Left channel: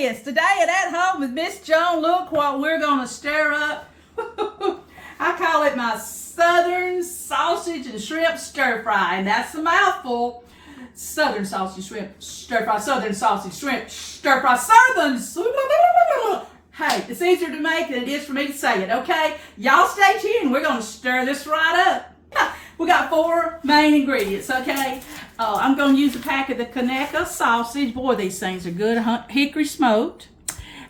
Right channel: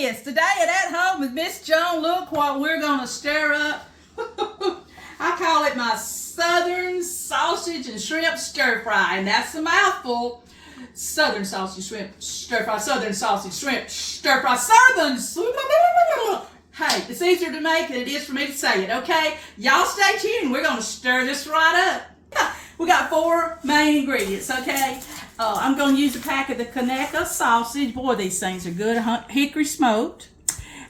this. Today at Home with Miss Joan, look what we're going to stir up. I call it my Southern Sausage and Shrimp Stir Fry, and that's a mouthful. Southern Sausage, Shrimp Stir Fry, Southern Sausage, Shrimp Stir Fry, Southern. Hey, it's easier to make than it is for me to say it, okay? Y'all stay tuned. We're going to stir this right up. We got 4 main ingredients, okay? I'm going to use a pack of the Conecuh Sausage. Boy, these things are good, hickory smoked.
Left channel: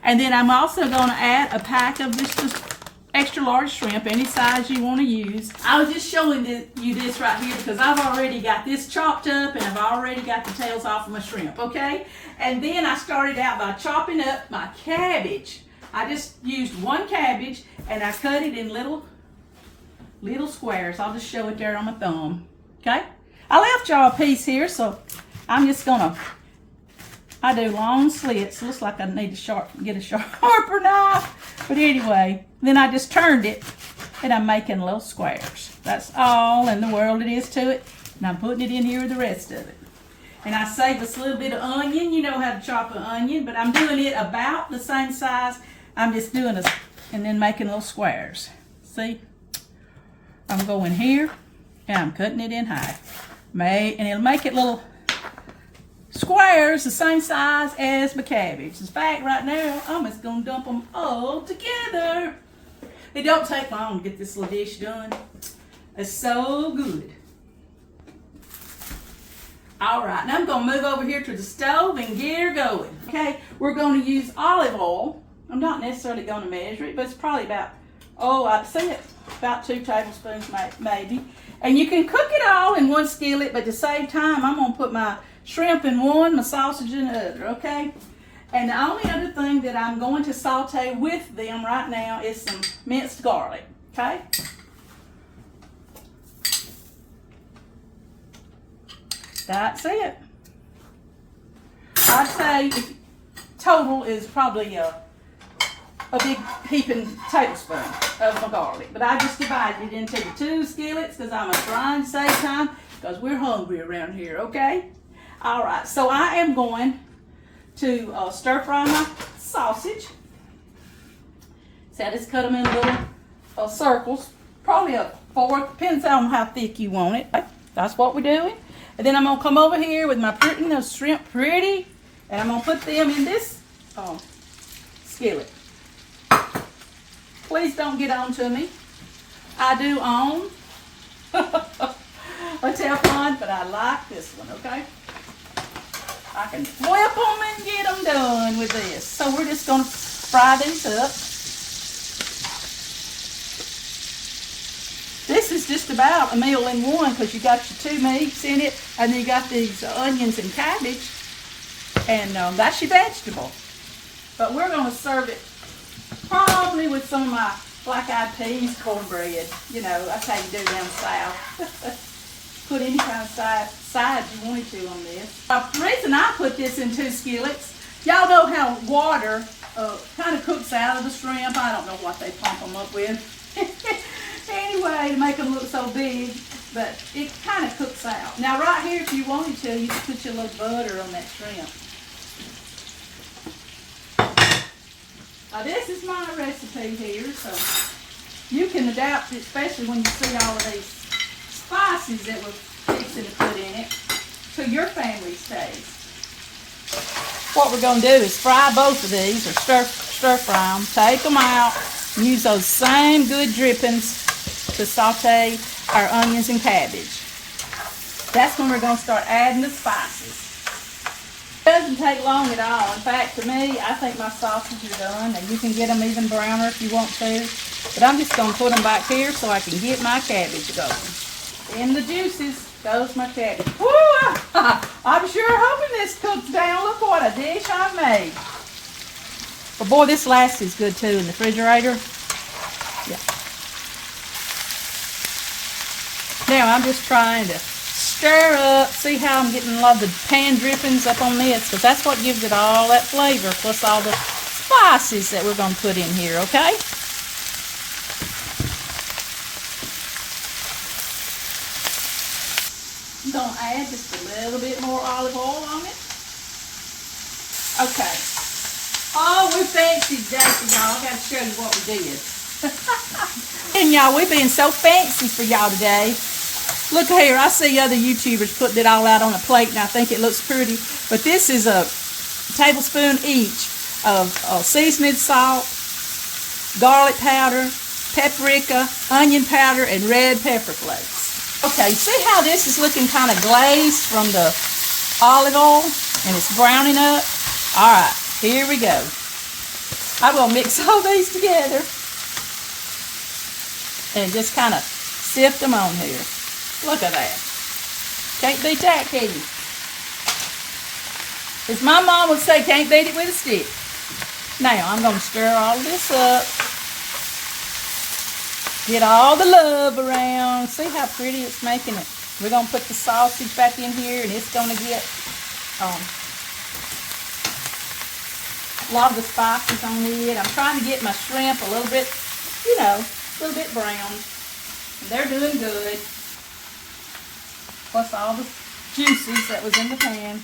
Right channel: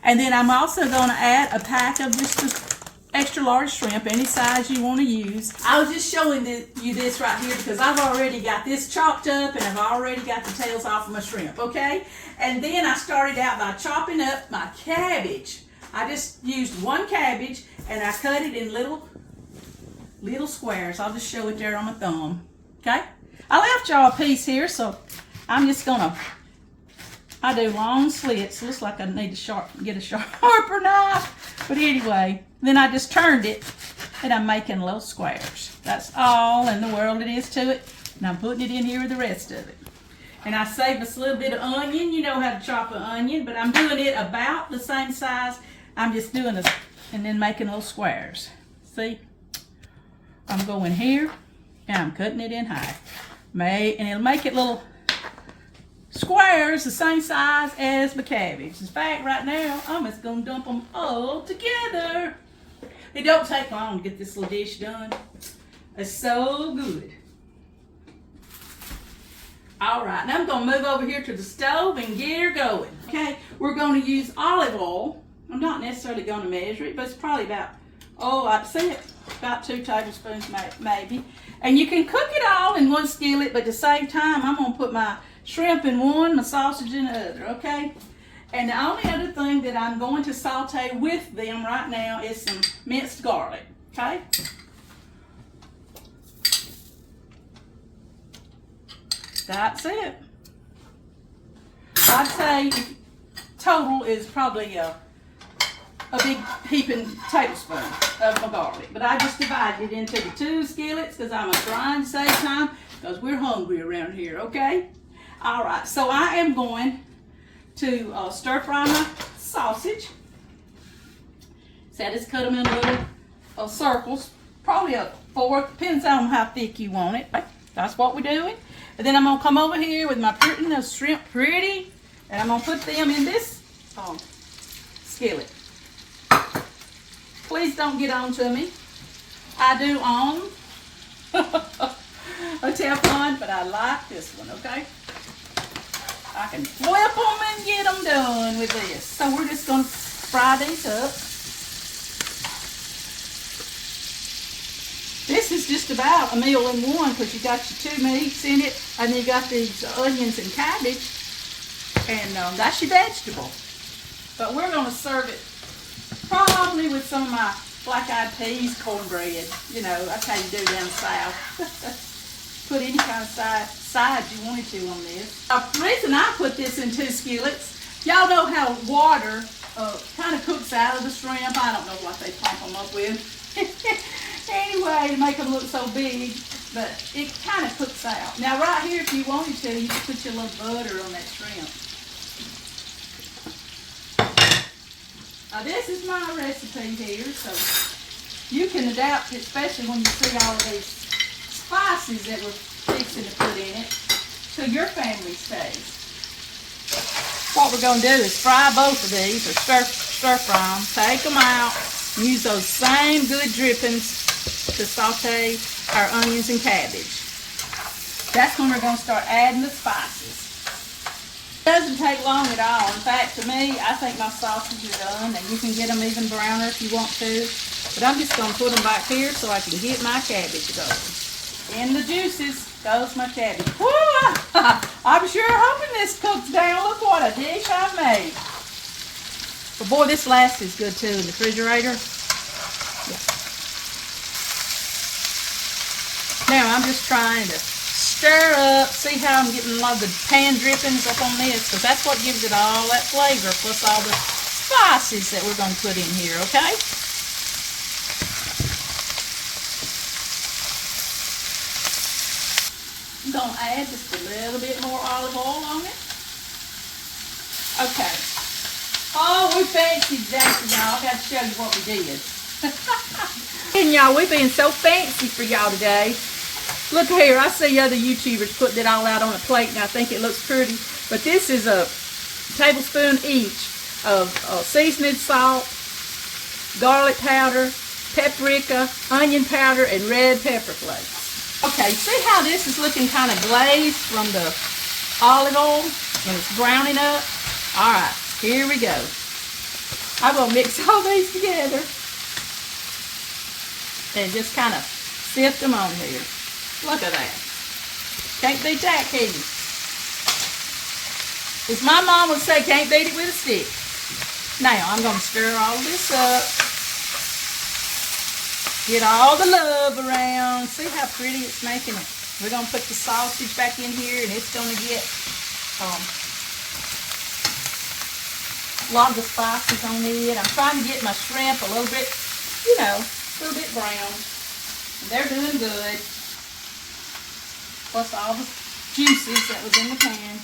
And then I'm also going to add a pack of just the extra large shrimp, any size you want to use. I was just showing you this right here because I've already got this chopped up and I've already got the tails off of my shrimp, okay? And then I started out by chopping up my cabbage. I just used 1 cabbage and I cut it in little squares. I'll just show it there on my thumb, okay? I left y'all a piece here, so I'm just gonna, I do long slits. Looks like I need to get a sharper knife. But anyway, then I just turned it and I'm making little squares. That's all in the world it is to it. And I'm putting it in here with the rest of it. And I save us a little bit of onion. You know how to chop an onion, but I'm doing it about the same size. I'm just doing this and then making little squares. See? I'm going here and I'm cutting it in half. And it'll make it little squares the same size as my cabbage. In fact, right now, I'm just going to dump them all together. It don't take long to get this little dish done. It's so good. All right, now I'm going to move over here to the stove and get her going. Okay, we're going to use olive oil. I'm not necessarily going to measure it, but it's probably about, I'd say it, about 2 tablespoons maybe. And you can cook it all in 1 skillet, but to save time, I'm going to put my shrimp in one, my sausage in the other, okay? And the only other thing that I'm going to saute with them right now is some minced garlic, okay? That's it. I'd say total is probably a big heaping tablespoon of my garlic. But I just divided it into the 2 skillets because I'm trying to save time because we're hungry around here, okay? All right, so I am going to stir fry my sausage. So I just cut them in little circles, probably a 4, depends on how thick you want it. That's what we're doing. And then I'm gonna come over here with my shrimp pretty, and I'm gonna put them in this skillet. Please don't get on to me. I do own a Teflon, but I like this one, okay? I can flip them and get them done with this. So we're just going to fry these up. This is just about a meal in one because you got your 2 meats in it, and then you got these onions and cabbage, and that's your vegetable. But we're going to serve it probably with some of my black-eyed peas cornbread. You know, that's how you do down south. Put any kind of side you wanted to on this. The reason I put this in 2 skillets, y'all know how water kind of cooks out of the shrimp. I don't know what they pump them up with. Anyway, to make them look so big, but it kind of cooks out. Now right here, if you wanted to, you could put your little butter on that shrimp. Now this is my recipe here, so you can adapt it, especially when you see all of these spices that we're fixing to put in it, to your family's taste. What we're going to do is fry both of these, or stir fry them, take them out, and use those same good drippings to saute our onions and cabbage. That's when we're going to start adding the spices. It doesn't take long at all. In fact, to me, I think my sausage are done, and you can get them even browner if you want to. But I'm just going to put them back here so I can get my cabbage going. In the juices goes my cabbage. Woo! I'm sure hoping this cooks down. Look what a dish I made. But boy, this lasts is good too in the refrigerator. Yeah. Now I'm just trying to stir up, see how I'm getting a lot of the pan drippings up on this, because that's what gives it all that flavor, plus all the spices that we're going to put in here, okay? I'm going to add just a little bit more olive oil on it. Okay. Oh, we fancy today for y'all. I got to show you what we did. And y'all, we're being so fancy for y'all today. Look here, I see other YouTubers putting it all out on a plate, and I think it looks pretty. But this is a tablespoon each of seasoning salt, garlic powder, paprika, onion powder, and red pepper flakes. Okay, see how this is looking kind of glazed from the olive oil, and it's browning up? All right, here we go. I'm going to mix all these together and just kind of sift them on here. Look at that. Can't beat that, can you? As my mom would say, can't beat it with a stick. Now, I'm going to stir all this up. Get all the love around. See how pretty it's making it. We're going to put the sausage back in here, and it's going to get a lot of the spices on it. I'm trying to get my shrimp a little bit, you know, a little bit brown. And they're doing good. Plus all the juices that was in the pan.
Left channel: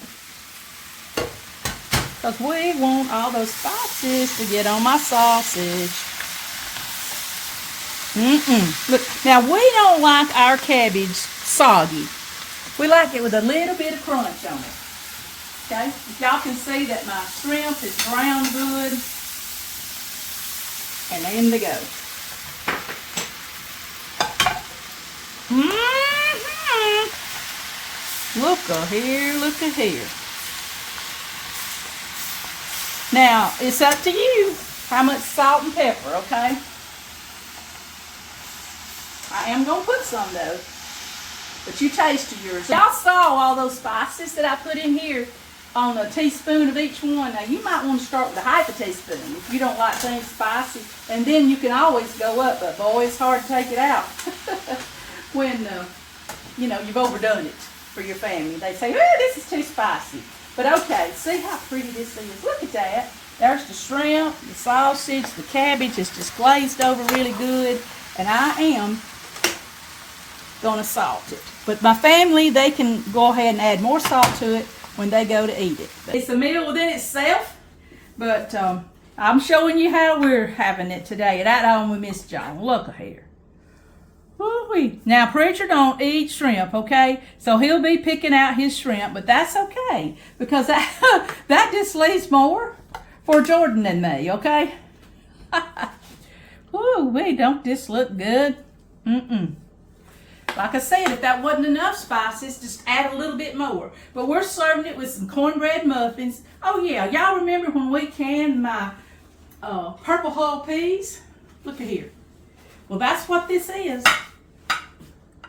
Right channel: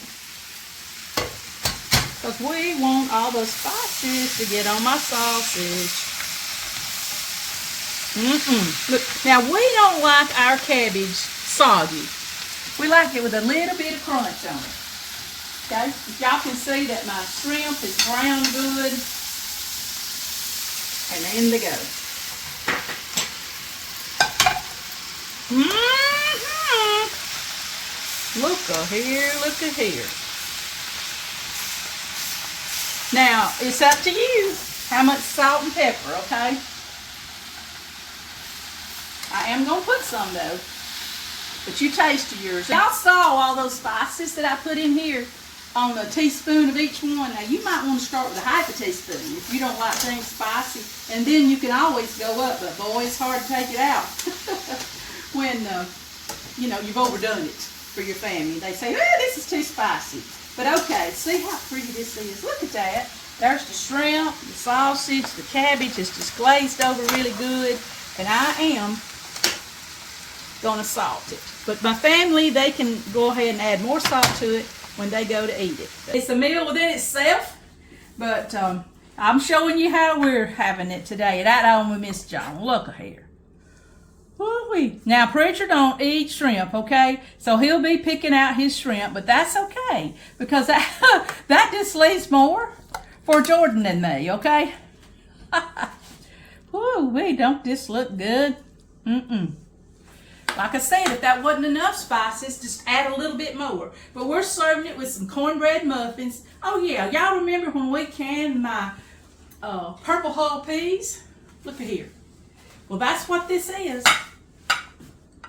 Because we want all those spices to get on my sausage. Look, now we don't like our cabbage soggy. We like it with a little bit of crunch on it. Okay? Y'all can see that my shrimp is brown good. And in they go. Look at here, look at here. Now, it's up to you how much salt and pepper, okay? I am going to put some, though. But you taste yours. Y'all saw all those spices that I put in here on a teaspoon of each one. Now, you might want to start with a half a teaspoon if you don't like things spicy. And then you can always go up. But, boy, it's hard to take it out when, you know, you've overdone it for your family. They say, oh, this is too spicy. But, okay, see how pretty this is. Look at that. There's the shrimp, the sausage, the cabbage is just glazed over really good. And I am going to salt it. But my family, they can go ahead and add more salt to it when they go to eat it. It's a meal within itself, but I'm showing you how we're having it today at home with Miss Joan. Look here. Woo-wee. Now, Preacher don't eat shrimp, okay? So he'll be picking out his shrimp, but that's okay because that just leaves more for Jordan and me, okay? Woo-wee, don't this look good? Like I said, if that wasn't enough spices, just add a little bit more. But we're serving it with some cornbread muffins. Oh yeah, y'all remember when we canned my purple hull peas? Look at here. Well, that's what this is.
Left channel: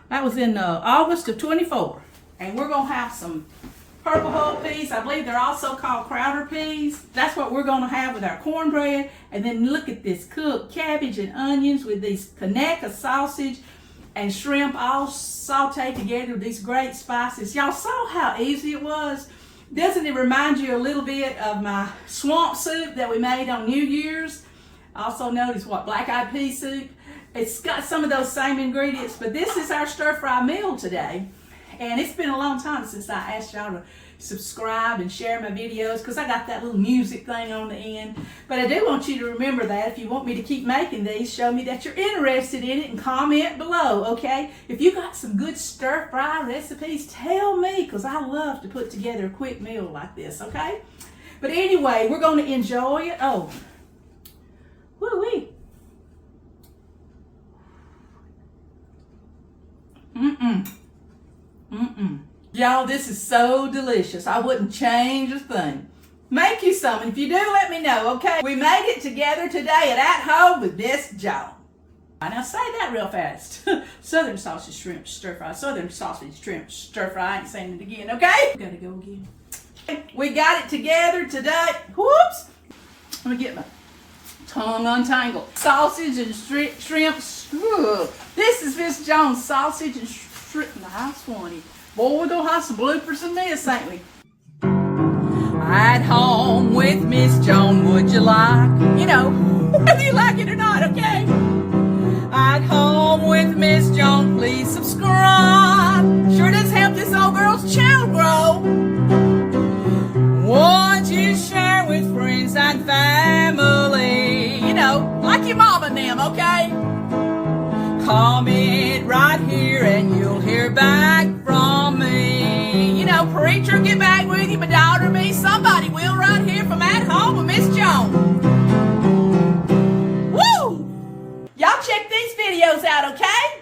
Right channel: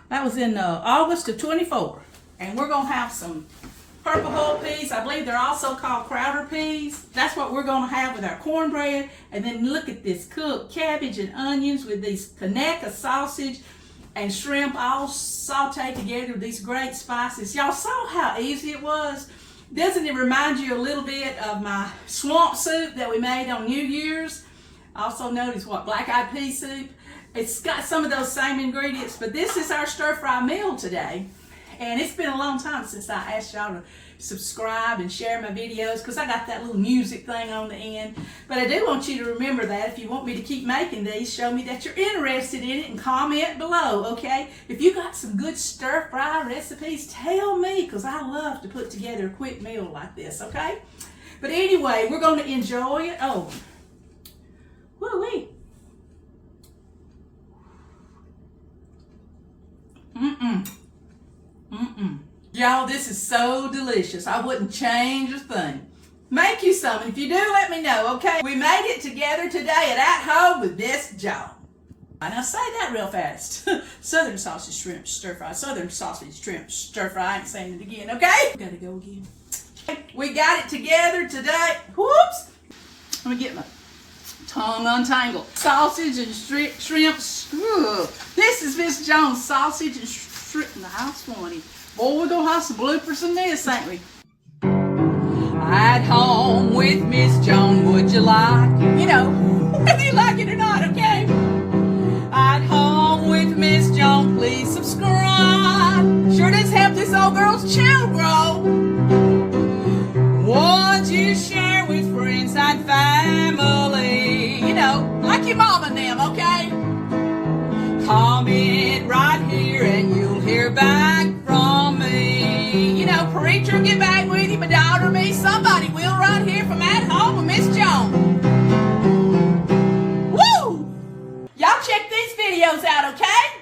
That was in August of 24. And we're going to have some purple hull peas. I believe they're also called Crowder peas. That's what we're going to have with our cornbread. And then look at this cooked cabbage and onions with these Conecuh sausage and shrimp all sauteed together with these great spices. Y'all saw how easy it was? Doesn't it remind you a little bit of my swamp soup that we made on New Year's? Also known as what, black-eyed pea soup? It's got some of those same ingredients, but this is our stir-fry meal today. And it's been a long time since I asked y'all to subscribe and share my videos because I got that little music thing on the end. But I do want you to remember that if you want me to keep making these, show me that you're interested in it and comment below, okay? If you got some good stir-fry recipes, tell me because I love to put together a quick meal like this, okay? But anyway, we're going to enjoy it. Oh, woo-wee. Y'all, this is so delicious. I wouldn't change a thing. Make you some. And if you do, let me know, okay? We made it together today at Home with Miss Joan. Now say that real fast. Southern sausage shrimp stir fry. Southern sausage shrimp stir fry. I ain't saying it again, okay? Gotta go again. We got it together today. Whoops. Let me get my tongue untangled. Sausage and shrimp. This is Miss Joan's sausage and shrimp. Nice one. Boy, we're gonna have some bloopers in this, ain't we? At home with Miss Joan, would you like? You know, whether you like it or not, okay? At home with Miss Joan, please subscribe. Sure does help this old girl's channel grow. Once you share with friends, kind family. You know, like your mom and them, okay? Comment right here and you'll hear back from me. You know, preacher, get back with you, my daughter, me, somebody will right here from At Home with Miss Joan. Woo! Y'all check these videos out, okay?